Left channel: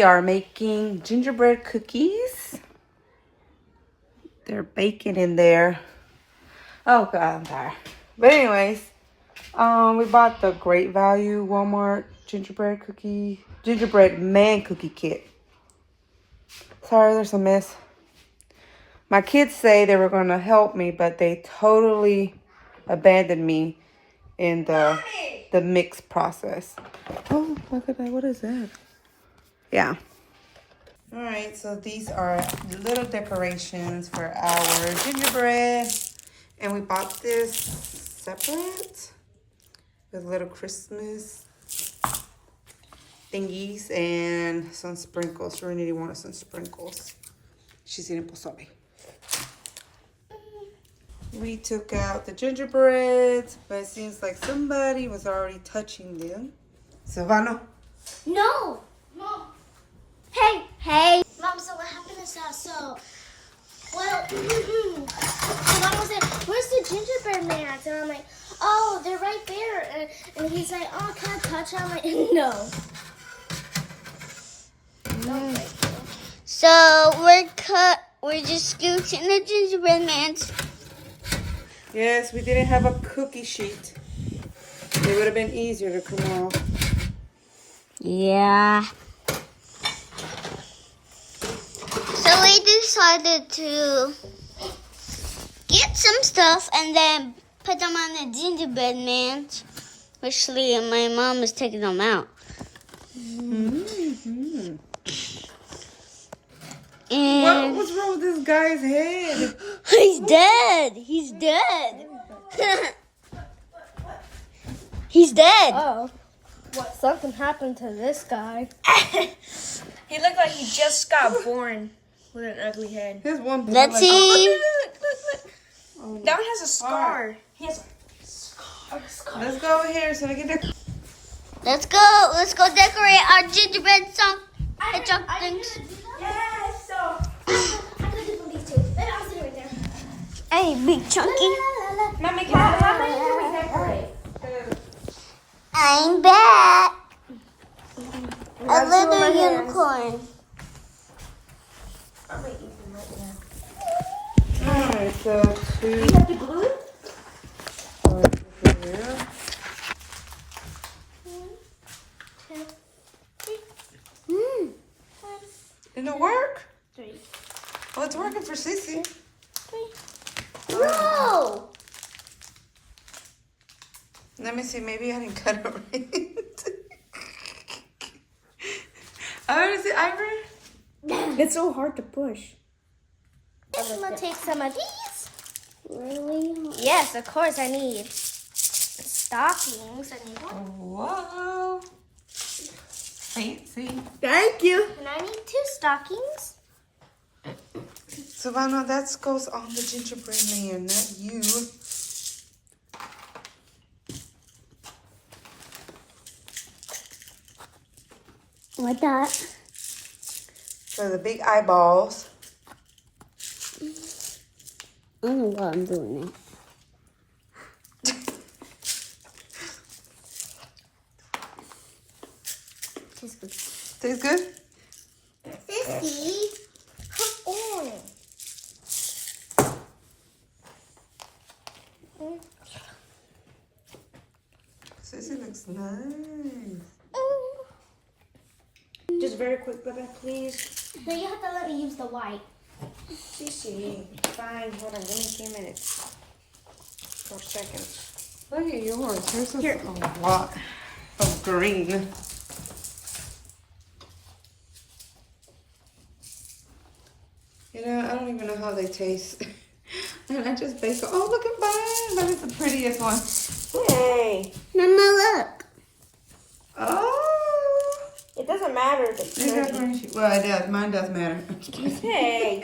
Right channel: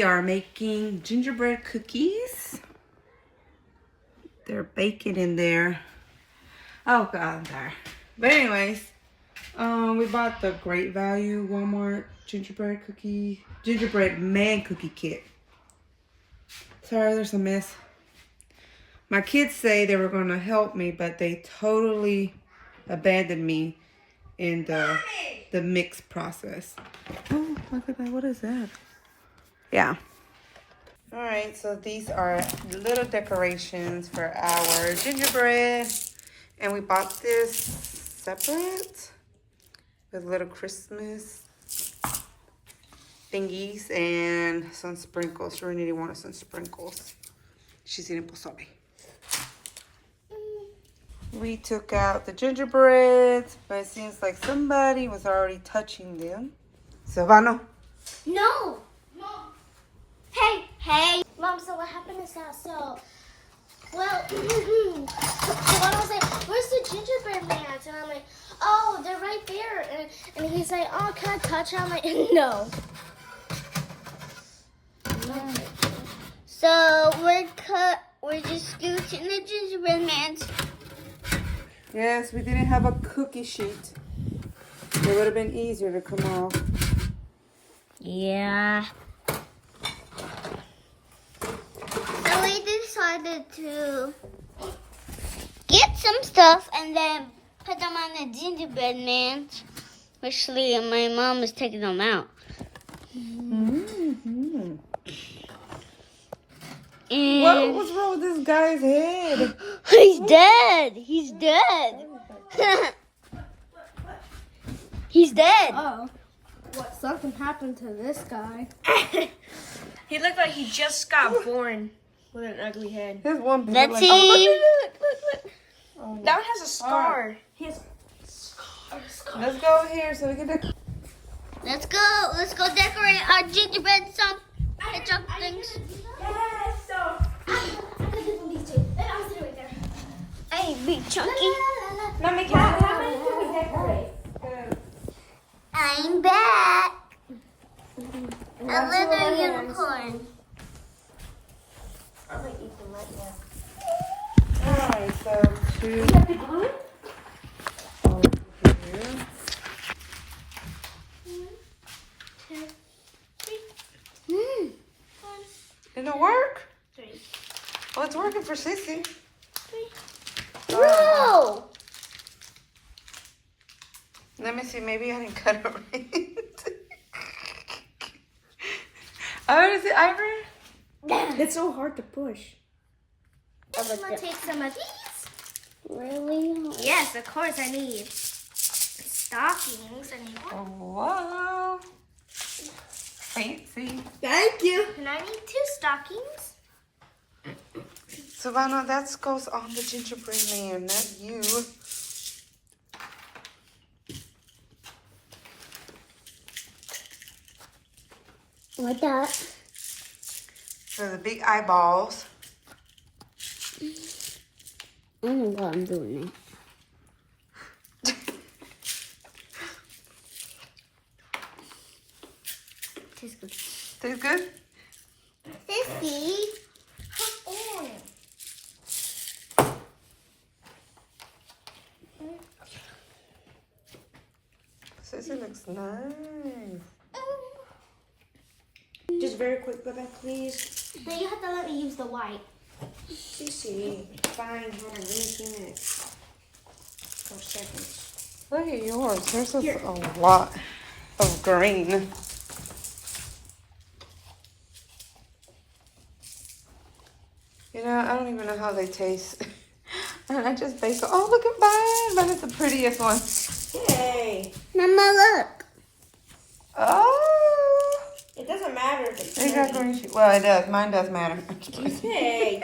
we are making gingerbread cookies. They're baking in there. Oh God, I'm tired. But anyways, we bought the Great Value Walmart gingerbread man cookie kit. Sorry, there's a mess. My kids say they were gonna help me, but they totally abandoned me in the mix process. Oh, look at that. What is that? Yeah. All right, so these are little decorations for our gingerbread. And we bought this separate with little Christmas thingies and some sprinkles. Serenity wanted some sprinkles. She's eating pozole. We took out the gingerbreads, but it seems like somebody was already touching them. Silvano? No! Mom! Hey! Mom, so what happened is that, well, Silvano was like, where's the gingerbread man at? And I'm like, oh, they're right there. And he's like, oh, can I touch it? I'm like, no. So we're just scooching the gingerbread man's. Yes, we didn't have a cookie sheet. It would have been easier to come off. Yeah. So we decided to get some stuff and then put them on the gingerbread man. Actually, my mom is taking them out. Mm-hmm. And What's wrong with this guy's head? He's dead. He's dead. He's dead. Oh, what? Something happened to this guy. He looked like he just got born with an ugly head. Here's one. Let's see. Oh, That one has a scar. He has a scar. let's go over here so we can do. Let's go. Let's go decorate our gingerbread hedgehog things. Yes, so. Hey, big chunky. Mommy, how do we decorate? I'm back. A little unicorn. Alright, so two. You have to glue it? Over here. Did it work? Well, it's working for Sissy. No. Let me see. Maybe I didn't cut it right. Oh, is it Ivory? It's so hard to push. I'm gonna take some of these. Really? Yes, of course. I need stockings. I need one. Oh, wow. Fancy. Thank you. And I need 2 stockings. Savannah, that goes on the gingerbread man, not you. What that? For the big eyeballs. I don't know what I'm doing. Tastes good. Tastes good? Sissy, come on. Sissy looks nice. Just very quick, go back, please. No, you have to let me use the white. Cece, fine, hold on, give me a few minutes. 4 seconds. Look at yours. There's a lot of green. You know, I don't even know how they taste. And I just bake. Oh, look at mine. That is the prettiest one. Hey, Mama, look. Oh. it doesn't matter if it's It got green. Well, it does. Mine does matter. Hey,